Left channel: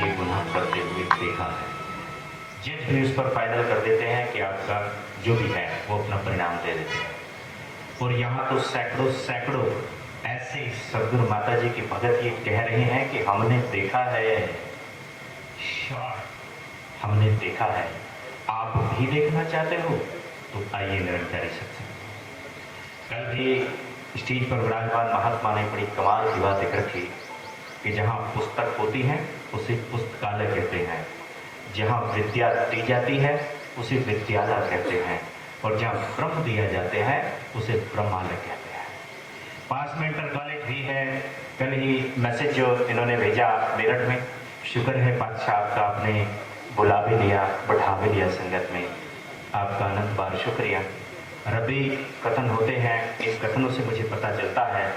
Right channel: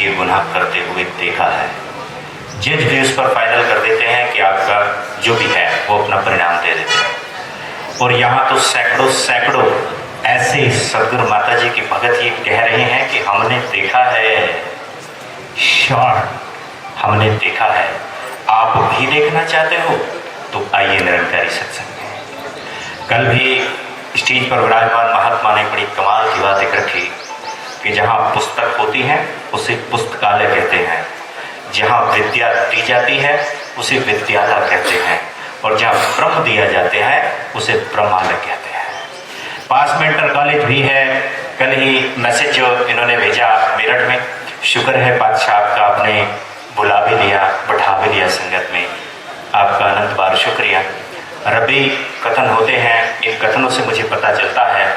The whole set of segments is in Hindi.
ये गुनाह करते हुए देखा है। जज भी उस पर फाइनल कर देते हैं कि आपका जो भी है वो अपना परिणाम दे देते हैं। और यहाँ तो सैकड़ों सैकड़ों ऐसे सदगुरु माता जी की भगत ये कह रहे हैं कि हमने देखा है, श्योर हमने देखा है। आप भी देखना चाहते हो तो आइए निरंकारी सत्संग में। कल भी स्टेज पर विराजमान महात्मा ने बड़ी कमाल की बात एक रखी कि जहाँ पुस्तक होती है उसे पुस्तकालय कहते हैं, जहाँ विद्या दी जाती है उसे विद्यालय कहते हैं, और जहाँ ब्रह्म दिया जाते हैं उसे ब्रह्मालय कहते हैं। पास में इंटर कॉलेज भी है। कल ही मैसेज जो इन्होंने भेजा मेरठ में, शुक्र है बादशाह आपका, आपने बुला भी लिया, बैठा भी लिया संगत में, आपका अनंत बार शुक्रिया। रबी कथन होते हैं, इन कथनों से मुझे पता चलता है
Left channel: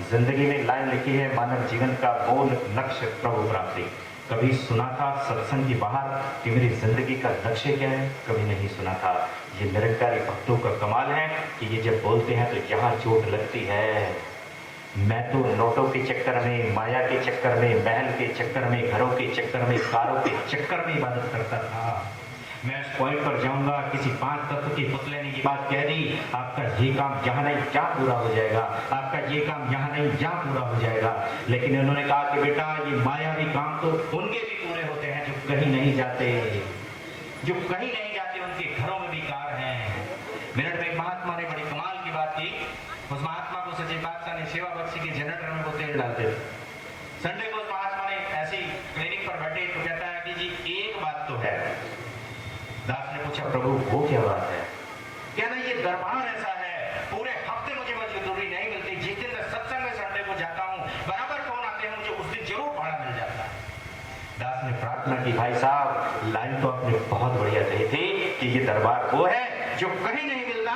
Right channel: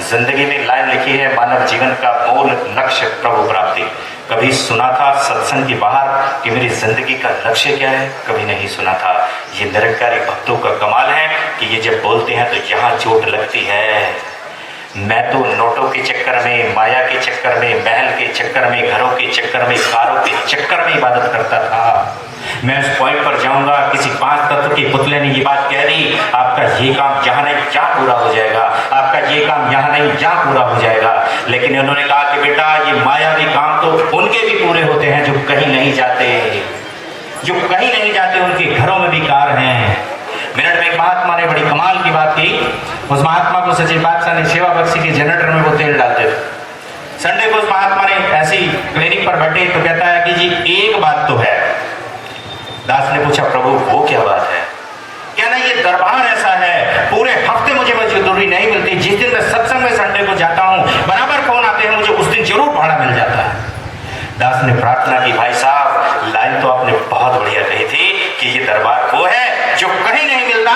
जिंदगी में लाइन लिखी है, मानव जीवन का मूल लक्ष्य प्रभु प्राप्ति। कभी सुना था सत्संग के बाहर कि मेरी जिंदगी का लक्ष्य क्या है? कभी नहीं सुना था। ये निरंकारी भक्तों का कमाल है कि ये जब बोलते हैं तो यहाँ चोट लगती है। मैं तो नोटों के चक्कर में, माया के चक्कर में, महल के चक्कर में, घरों के चक्कर में, कारों के चक्कर में इबादत करता था। मैं उस पॉइंट पर जाऊंगा, किसी 5 तत्व के पुतले ने ये बात कह दी, आपका ये काम यहाँ नहीं जहाँ पूरा हो जाएगा, आपका ये काम यहाँ नहीं जहाँ पूरा हो जाएगा। लेकिन उन्होंने कहा कि बेटा ये मायावी काम तो उनके भी पूरे होते हैं जो कहीं नहीं जाते, जो कहीं नहीं जाते, उनके घरों में भी कार हैं। मेरठ में एक महात्मा ने बड़ी कमाल की बात की। उस महात्मा को सचिव बादशाह ने सेवा बख्शी के जनरेटर में वो तेल डालते थे। संडे को उस महात्मा ने ऐसी क्लिनिक पर बैठे तो कहता है कि जी एक बात तो है। दास ने पूछा प्रभु वो क्या बात है? क्या ना ये दरबार ऐसा है, पूरे हफ्ते मुझे मजदूरी नहीं मिलती, जिस दिन मैं सत्संग में संडे को जाता हूँ बराबर फोन आते हैं, मुझे उस दिन जरूर भाड़ा मिल जाता है। दास ने प्रार्थना की, भाई साहब लाइन तो आपने बहुत बढ़िया कही थी कि ये दरबार वो है जो कहीं नहीं मिलता,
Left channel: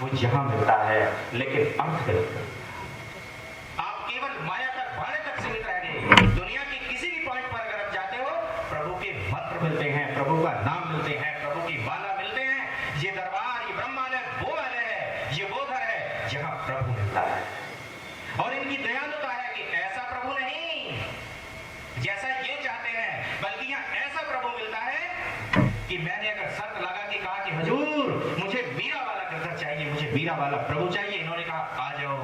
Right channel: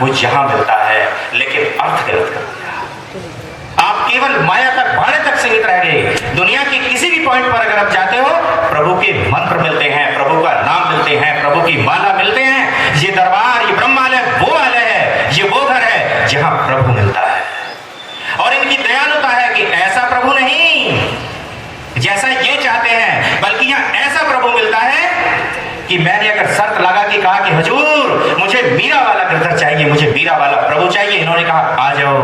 वो यहाँ मिलता है, लेकिन अर्थ गलत कर दिया। आप केवल माया तक, भाड़े तक सीमित रह गए। दुनिया के किसी भी पॉइंट पर अगर आप जाते हो, प्रभु के मंत्र मिलते हैं, प्रभु का नाम मिलते हैं, प्रभु की माला मिलते हैं। ये दरबार, ये ब्रह्मालय वो आलय है, ये वो घर है जहां प्रभु मिलता है। और इनकी दयालुता है कि ऐसा प्रभु नहीं जैसा ये चाहते हैं, बल्कि यहाँ ऐसा प्रभु मिलता है कि मैंने अगर शर्त लगा के कहा कि हुजूर मुझे मीरा वाला गिरधर चाहिए, मुझे मीरा वाला प्रभु चाहिए, इन्होंने कहा आ जाओ।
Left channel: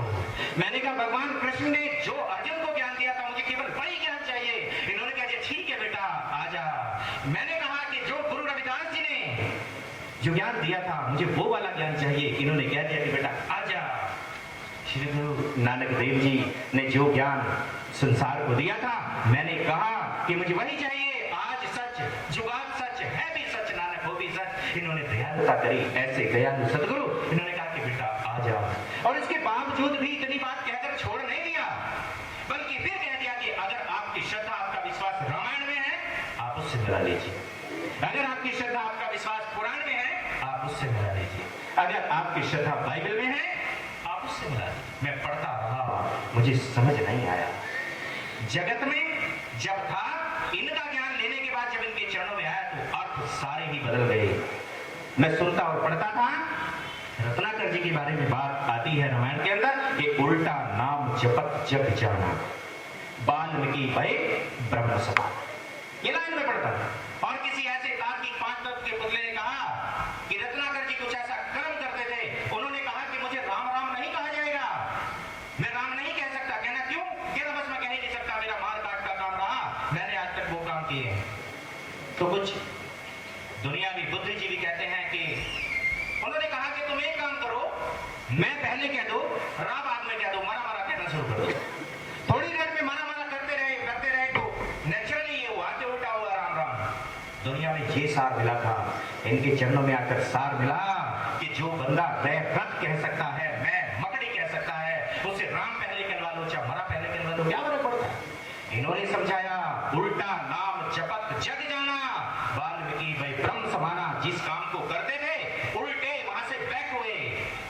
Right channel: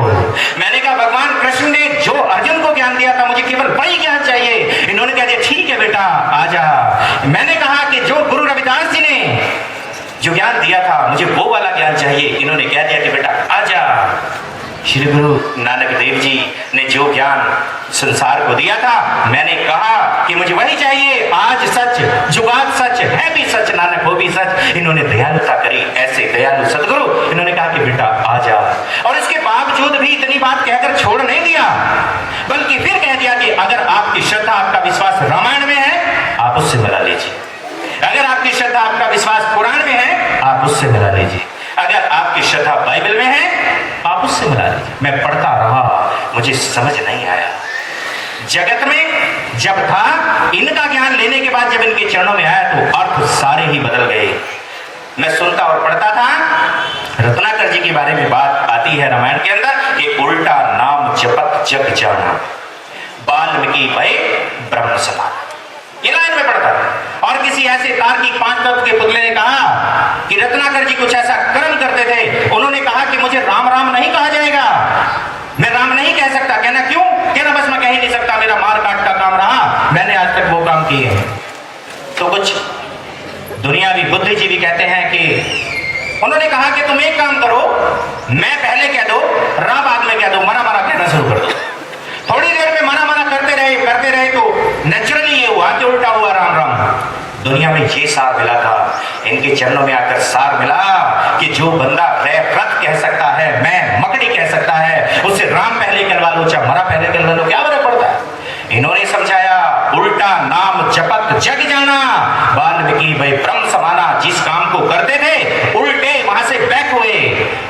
मैंने कहा भगवान कृष्ण ने जो अर्जुन को ज्ञान दिया था मुझे केवल वही ज्ञान चाहिए, इन्होंने कह दिया ठीक है बेटा आ जा। मैंने कहा कि जो गुरु रविदास जी ने जो ज्ञान दिया था मुझे वो वाला ज्ञान चाहिए, इन्होंने कह दिया कि बेटा आ जा। श्री गुरु नानक देव जी ने जो ज्ञान संसार को दिया था, मैंने कहा कि मुझे वही चाहिए। आज सच, जुगात सच, है भी सच, नानक हो भी सच। इन्होंने दयालुता करी, ऐसे दयालु सदगुरु। इन्होंने कहा कि बेटा आ जा। और इसके बावजूद भी इतनी बात कहकर छोड़ नहीं दिया, बल्कि फिर कह दिया कि अगर आपकी श्रद्धा, आपका विश्वास रामायण में है आप उससे मिला लीजिए, अगर आपकी श्रद्धा, आपका विश्वास पुराण में है आप उससे मिला लीजिए, अगर आपकी श्रद्धा बाइबल में है आप उससे मिला लीजिए। मैं पढ़ता रहा, मुझे समझ नहीं आया। जगत में जब था, इनका ज्ञान लेने के बाद जब इनके चरणों में आया तो अर्थ सारे ही बदल गए। मैं सुनता और पढ़ता था, रत्नाकर जी के बारे में बात आती है रामायण के अंदर कि उल्टा नाम जपत जग जाना, वाल्मीकि भय ब्रह्म समान। ये लाइन में पढ़ता था। और किसी ऐसे तार्किक 5 तत्व के पुतले ने कहा कि रत्नाकर जी कुछ ऐसा कर्म करते थे, उन्होंने कहा कि मुझे राम राम नहीं कहा जाएगा, मैं राम नहीं कह सकता। कहना क्यों? कहना बस मैं कह ही नहीं सकता, मेरा मार काट का काम रहा, मैंने आज तक वो काम किए हैं। तो कुछ दुनियावी बुद्धिजीवी कहते हैं कि उन्होंने कहा कि तुम एक काम करो, मैं पहले कह दो, रा बाद में कह दो, मरा मरा कहना शुरू कर दो। थोड़ी देर में मरा मरा करते रहे तो नेचुरली ये हुआ कि उल्टा हुआ राम राम। दुनिया में ये सार मिला था, इनके चरणों में आकर सार मिला कि जो बंदा व्रत कह सकता है, मैं मकड़ी कह सकता है, उससे राम पहले कहलवा लो चाहे मरा पहले कहलवा लो, क्या फर्क पड़ता है। इन्होंने समझाया उल्टा नाम जपत जग जाना, वाल्मीकि भाई ब्रह्म समाना। जिस काम को करते थे उल्टे वहां से बैक हुए,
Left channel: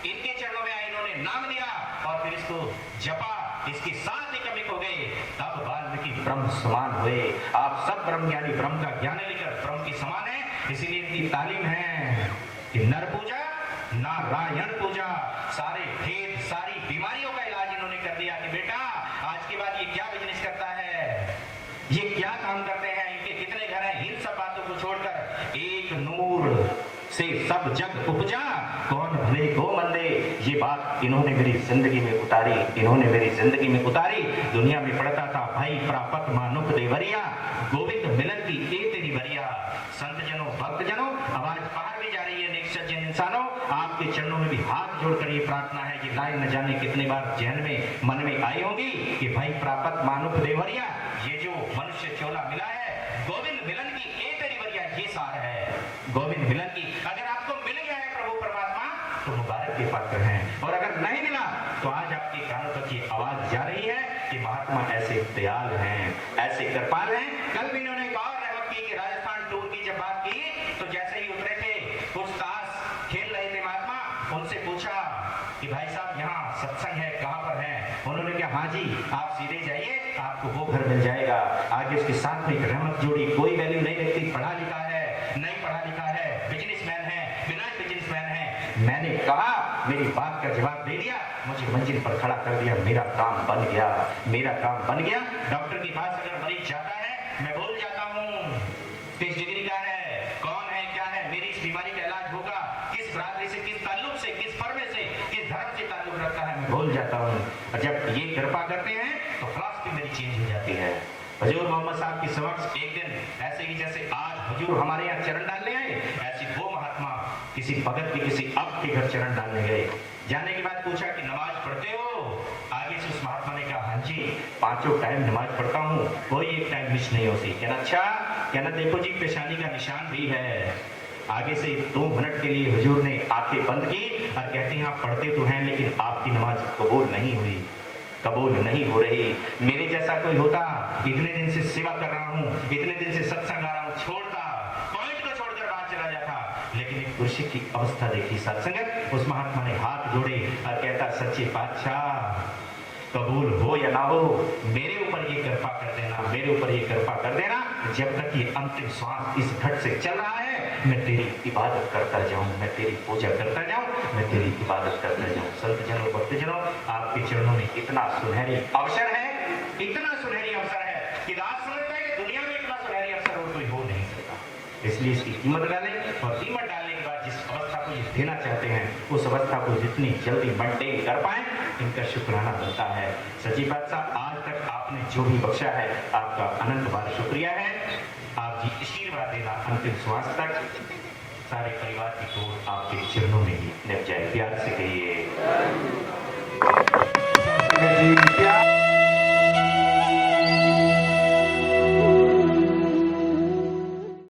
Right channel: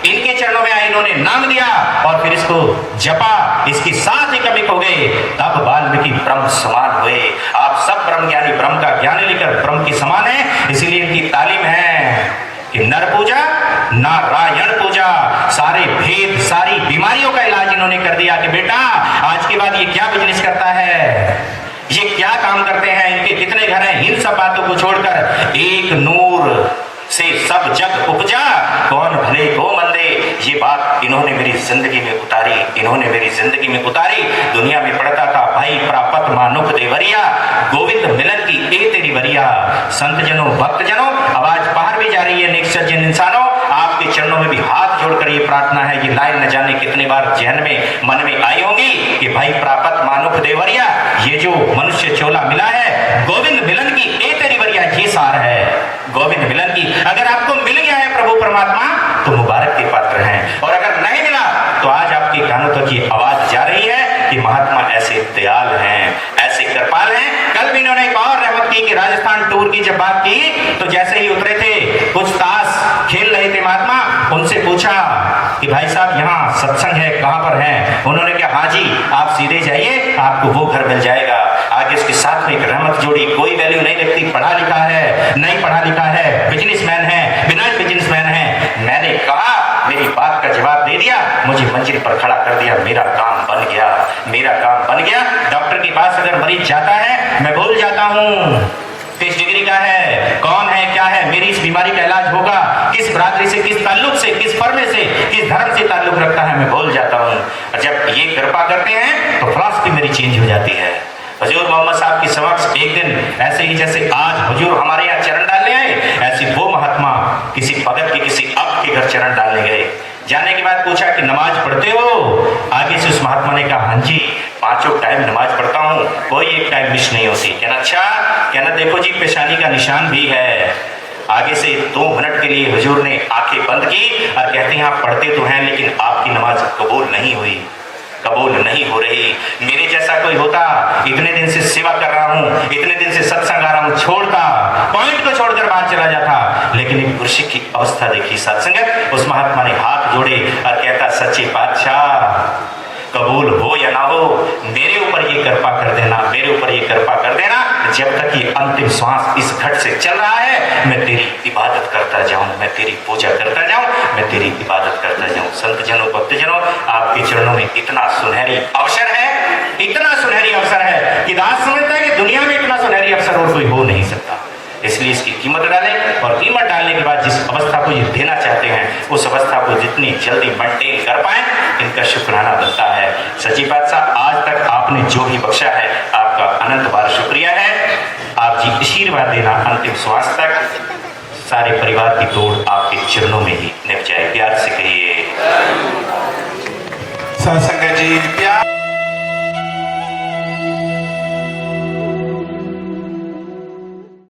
इनके चरणों में आए, इन्होंने नाम दिया और फिर इसको जपा, इसकी साथ ही कमिक हो गए, तब वाल्मीकि ब्रह्म समान हुए। आप सब ब्रह्म ज्ञानी, ब्रह्म का ज्ञान लेकर ब्रह्म की समान है। इसीलिए इनकी तालीम है कि नर पूजा नारायण पूजा, सारे भेद, सारी बीमारियों का इलाज इन्होंने कर दिया कि बेटा आज के बाद ये क्या बिजनेस करता है, ये क्या काम करते हैं, इनके कितने घर हैं, इन सब बातों को छोड़कर एक नूर से सब जग उपजा, कौन भले को मंदे, ये बात इन्होंने मेरी जिंदगी में उतारी, इन्होंने मेरी जिंदगी में उतारी। दुनिया में पढ़ता था भाई प्रापत मानुख देवरिया, गोविंद मिलन की ए तेरी वरिया। संत जनों भक्त जनों, आवाज बाहर भी जा रही है, नेक सज्जन इंसानों, आपके चरणों में भी हाथ जोड़कर ये प्रार्थना है, ये लाइन न जाने कितने बार जहन में मन में आई होगी कि भाई प्रापत मानुख देवरिया, ये जो मनुष्य चोला मिला है, गोविंद मिलन की ए तेरी वरिया, ये सार है गोविंद मिलन की। अगर आपको मिल गया है प्रभु परमात्मा तो मुबारक के पात्र हैं, और अगर नहीं मिला तो आज आपके कानों तक ये आवाज जा रही है कि महात्मा ऐसे दयाल हैं, ऐसे कृपाल हैं। कल भी इन्होंने एक और रहमत की कि राजस्थान टूर की जब बात की तो जैसे ही उतरे थे, कुछ ताश खेल रहे थे महात्मा, उनसे पूछा कि भाई साहब यहाँ सत्संग है, कहाँ पर है? उन्होंने कहा हाँ जी, आप सीधे जाइए, आपको वो घर मिल जाएगा। आगे उसके साथ में एक रहमत जोड़ी, कोई वैल्यू नहीं लगती, पढ़ा लिखा है, नहीं पढ़ा लिखा है, बिजनेसमैन है, बिना बिजनेसमैन है। मैंने कहा, मेरी बात का जवाब दे दिया, मुझे मंजिल पर खड़ा कर दिया, मेरा काम बन गया, मेरा काम बन गया। डॉक्टर के पास अगर मरीज जाता है, मैं भूल जाता हूँ किस डिग्री का है, कौन है, क्या है, मेरी इस बीमारी का इलाज होगा, किस बरादरी से, किस ताल्लुक से, किस फर्मे से, किस धर्म से ताल्लुक रखता है, मैं भूल जाता हूँ। और जब ये कृपा करते हैं तो फिलॉसफी मेरी चेंज हो जाती है। हुजूर मोहम्मद साहब के समक्ष एक दिन ऐसे ही जैसे आज हुजूर हमारे यहाँ चरण डालने आए, ऐसे वो महात्मा किसी भगत के, किसी अब के घर चरण डालने गए। जाने के बाद पूछा कि नमाज पढ़ते हो? आगे से उस महात्मा ने कहा हाँ जी, 5 टाइम नमाज पढ़ता हूँ, कोई एक टाइम मिस नहीं होती। कहना अच्छा, कहना देखो जी पेशानी का निशान भी है। आगे से 2 मिनट के लिए हुजूर ने आंखें बंद की और कहते हैं आप पढ़ते तो हैं लेकिन आपकी नमाज कबूल नहीं हुई, कबूल नहीं हो रही। मेरे जैसा कोई होता, इतने दिन से सेवा कर रहा हूँ, इतने दिन से सत्संग आ रहा हूँ, छोड़ता, पॉइंट को छोड़कर बाहर चला जाता। लेकिन एक पुरुष की अवस्था देखी सत्संग, उस महात्मा ने हाथ जोड़े और कहता सच्चे पातशाह, कबूल हो या ना हो, मेरे ऊपर ये कृपा कर देना, मेरे ऊपर ये कृपा कर देना। जब तक ये अंतिम श्वास इस घट से चल रहा है, मैं तेरी इबादत करता जाऊं, मैं तेरी पूजा करता जाऊं, मैं तेरी इबादत करता जाऊं। संत जनों, भक्त जनों, आपके चरणों में इतना सुनहरी अवसर है, इतना सुनहरी अवसर है कि दास समझता है कि दुनिया में इतना सुनहरी अवसर और कोई हो नहीं सकता। इसलिए इसकी कीमत डालें, और कीमत डालने के बाद जिस अवस्था को ये देना चाहते हैं, उस अवस्था को जितनी जल्दी मेंटेन कर पाएं, इनका शुक्राना बनता है। सच्ची बादशाह, आज तक आपने जो भी बख्शा है, आपका अनंत बार शुक्रिया है। आप जी आशीर्वाद देना अंतिम श्वास तक, सारे परिवार की तोड़ आपके चरणों में ही निभ जाए। प्यार से कहिए सत्संग जी प्यार।